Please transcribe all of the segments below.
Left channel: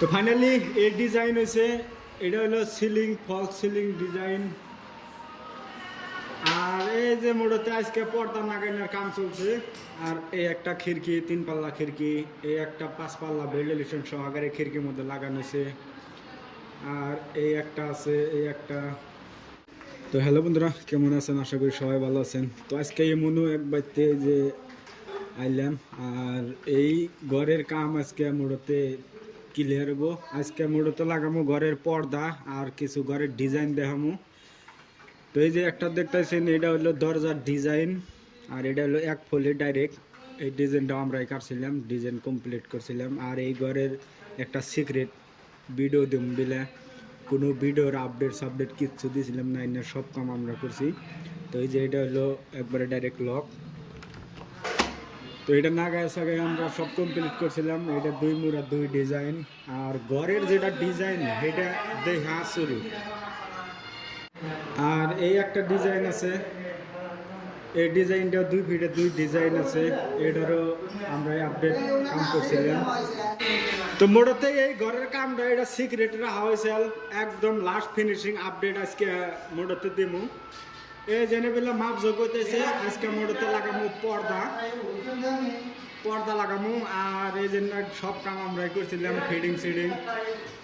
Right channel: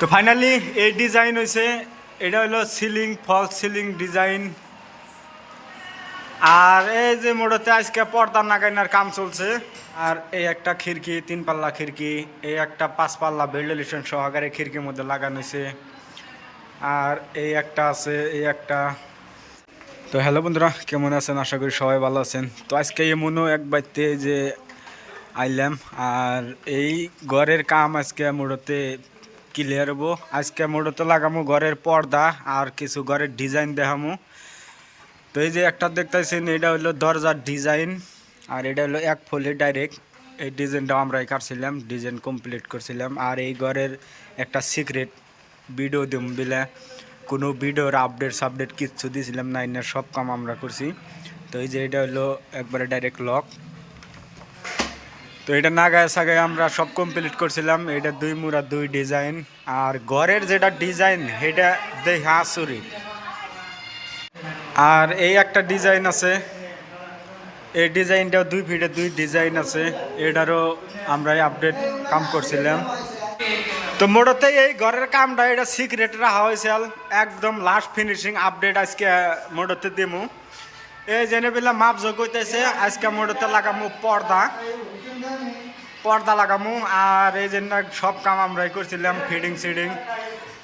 তো ফাইনালি এই ডিজাইন হয়েছে। এটা হলো সিলিং, ফলস সিলিং ডিজাইন। আর এই যে মোড়তে আজকে পর্দা লাগানোর কাম চলছে। আর এই একটা খিড়কি, 3 পাল্লা খিড়কি, এই একটা 5 পাল্লা ভেন্টিলেশন সহকারে খিড়কির মধ্যে লাগানো হয়েছে। আর এই একটা আছে, এই একটা। তো হ্যালো বন্ধুরা, কেমন আছেন? আশা করি সবাই ভালো আছেন। তো আজকে এমনও এক বাইতে যে আইলাম, আর এই ঘরের কাম আজকে মোড়তে ক্লিয়ার হবো। আজকে মোড়তে লাগামো ঘরের পর্দা আর কিছু ঘরের ডিজাইন দেখামো। তো এই যে একটা দেখতেছেন, এটা হলো দরজার ডিজাইন, আর এটা হলো এক ফলে ডাইরেক্ট। এই ডিজাইনটাও আমরাই কাটছিলাম, ডিজাইন কমপ্লিট করছিলাম। আর এই ঘরের একটা সিক্রেট ভিডিও দিম বিলে, কোনো ভিডিওর আপডেট কিচ্ছু দিয়েছিলাম না, এর সব কাম আমরা করছি। তো এই যে এটা হলো একবারে ডাইরেক্ট লক। তো এটা নাগায় সাগায় আমরা সব কমপ্লিট করছিলাম। এটা 2 মুড়া 2 ডিজাইন। আর ঘরের যেটা ডিজাইন সেটা দেখা আসুরি। আর এই একটা ডিজাইন আছে, এই ডিজাইনটাও 2 ফিটে 2 ডিজাইন আছে। এটারও আমরা আপডেট কাম করছিলাম। তো মোড়তে এই ঘরের কামটা এটা সিক্রেট রাখা হয়েছে, একদম লাস্ট ফিনিশিং আপডেট আজকে মোড়তে দিমু। এই জেনে বেলা মাপ যোগ হইতেছে। আজকে মোড়তে লাগামু পর্দা লাগামু। আর এই জন্য সব কাম আমরাই করছিলাম, ফিডিং সিডিং।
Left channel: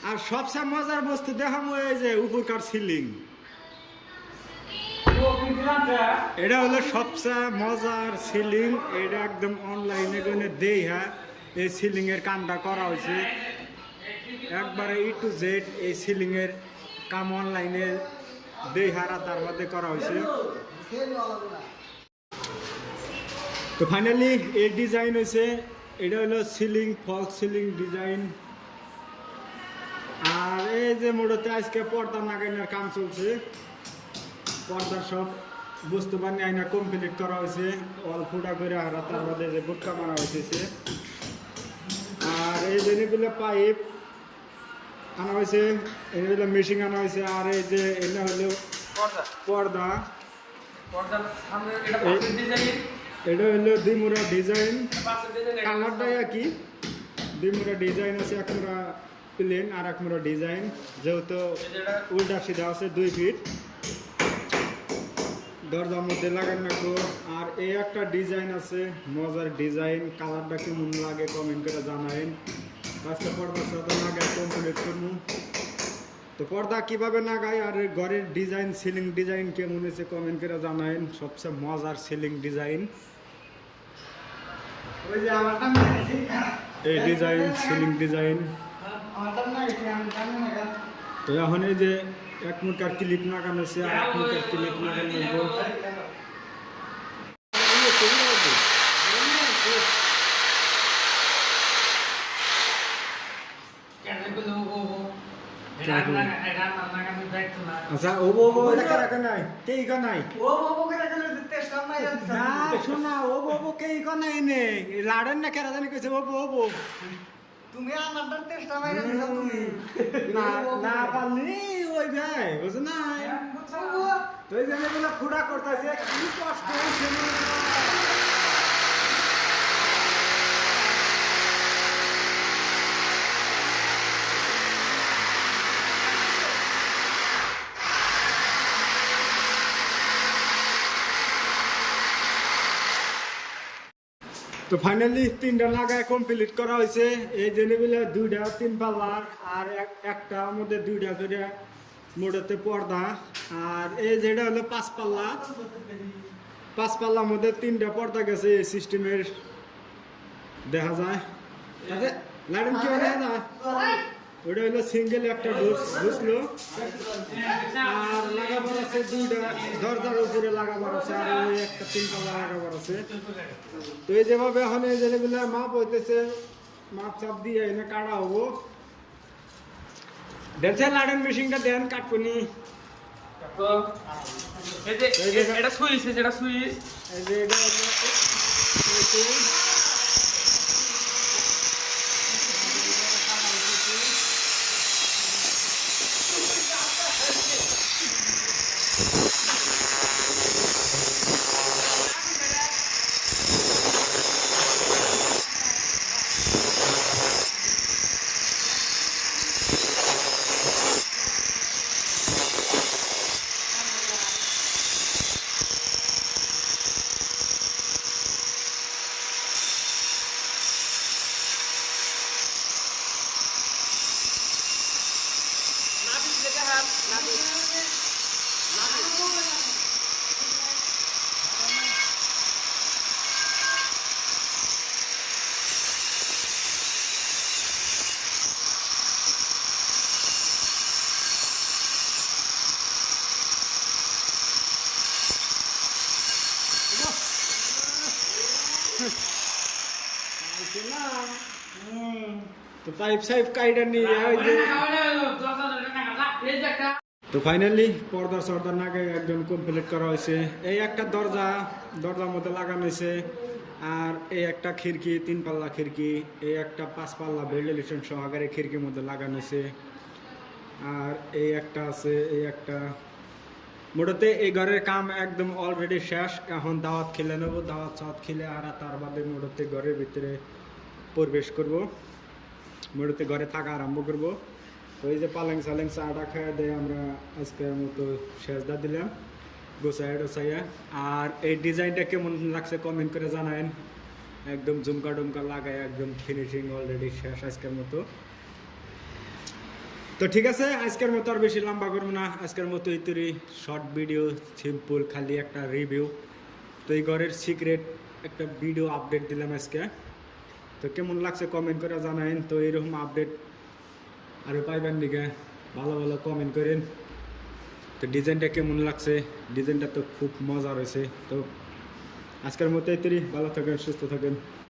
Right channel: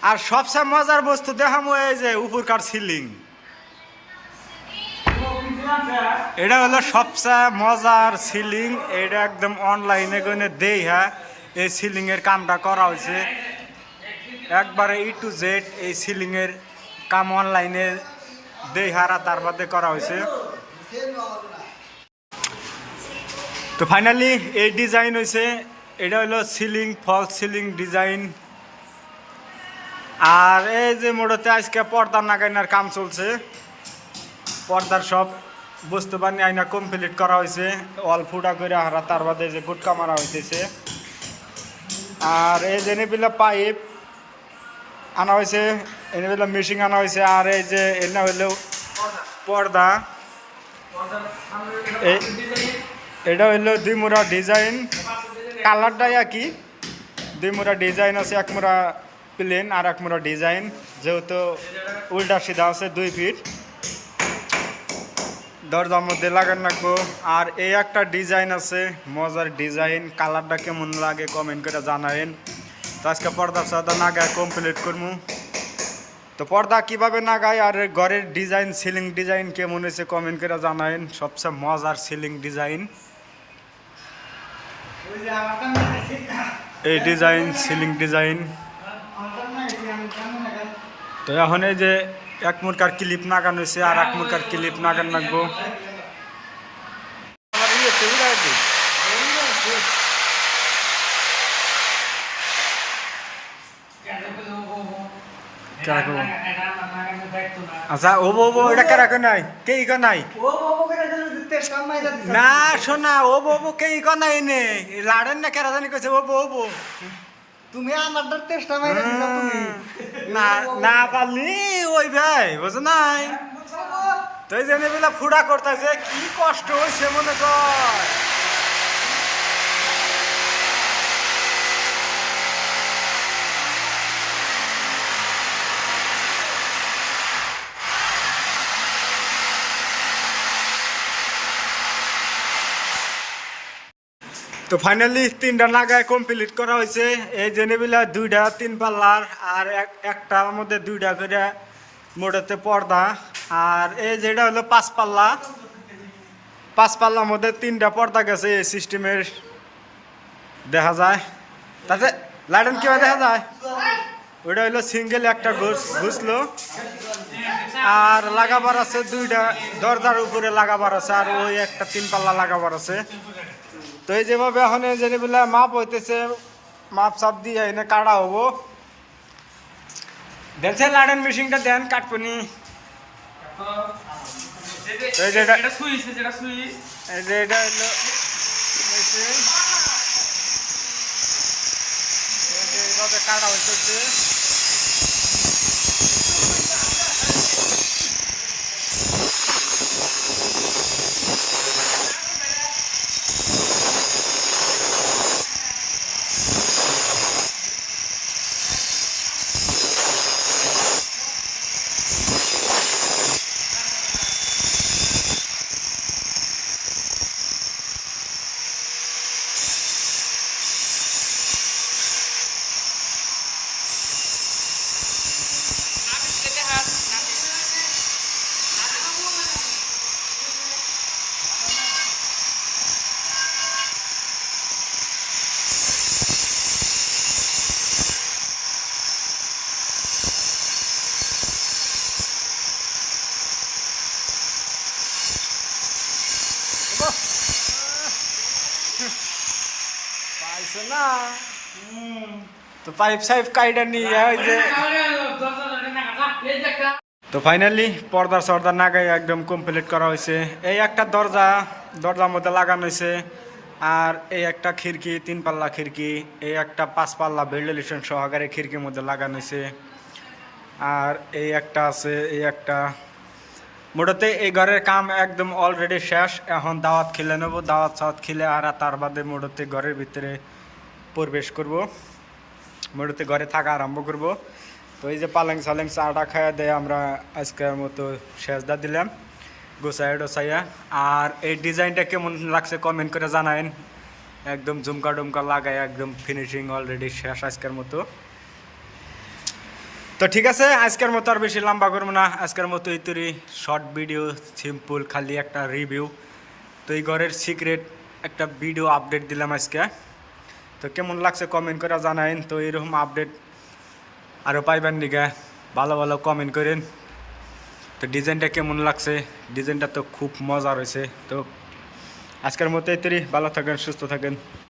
আর সবচেয়ে মজার বস্তু দেখামু এই যে উপরকার সিলিং। এটা হলো সবচেয়ে মজার সিলিং। এটা একদম অনলাইনে গনে দেই। হ্যাঁ, এই সিলিং এর কামটা করা হয়েছে একবারে ই টু জেড। এই সিলিং এর কাম অনলাইনে দেই হারা তার বাদে করা হয়েছে। তো ফাইনালি এই ডিজাইন হয়েছে। এটা হলো সিলিং, ফলস সিলিং ডিজাইন। আর এই যে মোড়তে আজকে পর্দা লাগানোর কাম চলছে। পর্দার সব বস্তু বানিয়ে আইনা কমপ্লিট করা হয়েছে, অল ফুটা করে হারা তার বাদে যে গুটকা মারা হইতেছে। আর এই যে এনেবেলা পাইপ আনা হয়েছে, এনেবেলা মেশিন আনা হয়েছে। আর এই যে এনে হইলেও পর্দা। এটা হইলো 2 মুড়া ডিজাইন। কালারটাই কি 2 মুড়া ডিজাইন আছে, 1 মুড়া প্লেন আর 1 মুড়া ডিজাইন। যেহেতু উল্টা সিধা আছে 2 ফিট, দরজার মধ্যে লাগান রাখবো। আর এই একটা ডিজাইন আছে, মজার ডিজাইন। কালারটা কেমন লাগে কমেন্ট করে জানাবেন। তো আজকে পর্দা সর্দা নাগায় কমপ্লিট করবো। তো পর্দা কিভাবে নাগায় আর ঘরের ডিজাইন, সিলিং ডিজাইন কেমন হয়েছে কমেন্ট করে জানাবেন। সবচেয়ে মজার সিলিং ডিজাইন এই ডিজাইন, সিলিং ডিজাইন। তো এখন এই যে 1 মুরকার ক্লিপ নাগানো হয়েছে, আর 1 মুরকার ক্লিপ নাগান রাখবো। আচ্ছা ও বো এটা কে রাখো নাই, কে ইকো নাই না শোনা। ও বো কে ইকো নাই নে লাড়েন না কেরা জানি কইছে ও বো তুমি আমারটার চেষ্টা মাইরা দিলা তুমি না না পারলি ওই ভাই বুঝ নাই। তো এই জেনে বেলা ফুড়া করতেছে, কি কষ্ট হয়েছে মনে কর। তো ফাইনালি 3টা নাগায় কমপ্লিট করা হয়েছে। এই জেনেবিলা 2টা 3 পাল্লার, আর একটার মধ্যে 2টা করে মোড়তে পর্দা। আর এই যেটা হলো 5 পাল্লা, 5 পাল্লার মধ্যে 3টা পর্দা গেছে। এই সিস্টেমের দেখা যায়। তাতে লাইটেন কিভাবে দেখা যায়, ওইটা হলো সিঙ্গেল একটা ঘুষলো। আর লাগাবার আছে 2টা দরজার উপরে লাগাবার আছে, আর ওই একটা 3 পাল্লা লাগাবার আছে। তো এই যেভাবে এখন যেগুলা মাপ হইতেছে, মাপ চাপ দিয়ে এনে কাটা হবো। দেখছে লাডেন মেশিনটা দেন কাটপনি। এই যে এটা হলো এইভাবে কাটা হইতেছে। না তো পাইপ সাইপ কাইটা নিয়ে ওই যে তো ফাইনালি পর্দা সর্দা নাগাই একদম কমপ্লিট করা হয়েছে। এই একটা দরজার মধ্যে লাগানো হয়েছে, আর এই একটা খিড়কি 3 পাল্লা খিড়কি, এই একটা 5 পাল্লা ভেন্টিলেশন সহকারে খিড়কির মধ্যে লাগানো হয়েছে, আর এই একটা আছে, এই একটা। মোটামুটি এই ঘরের কাম একদম অলরেডি শেষ। এখন দাওয়াত খেলে নেবো, দাওয়াত সাওয়াত খেলে আর তার বাদে মোটামুটি ঘরের ভিতরে প্রবেশ করব, মোটামুটি ঘরে থাকা আরম্ভ করব। তো এই যে পালেং সালেং চাটা খাইয়া দেয় আমরা আজকের মতো শেষদা দিলাম গোসাইয়া টোসাইয়া। আর এই ডিজাইনটা কেমন লাগছে কমেন্ট করে জানায়েন। একদম ঝুমকা টুমকা লাগাই একদম ফিনিশিং অলরেডি শেষ আজকের মতো। তো ঠিক আছে, আজকের মতো আর বেশি লম্বা করবো না। আজকের মতো এই তৈরি শর্ট ভিডিও, সিম্পল খালি একটা রিভিউ। তো এই ঘরের সিক্রেট একটা ভিডিও আপডেট দিলাম আজকে। তো কেমন লাগছে কমেন্ট করে জানাইন। তো এরকম আপডেট আরও পাইবেন দিকে ভালো ভালো কমেন্ট করেন। তো ডিজাইনটা কেমন লাগছে, ডিজাইনটা তো খুব মজা রয়েছে। তো আজকের মতো এই তৈরি, ভালো থাকেন, সুস্থ থাকেন।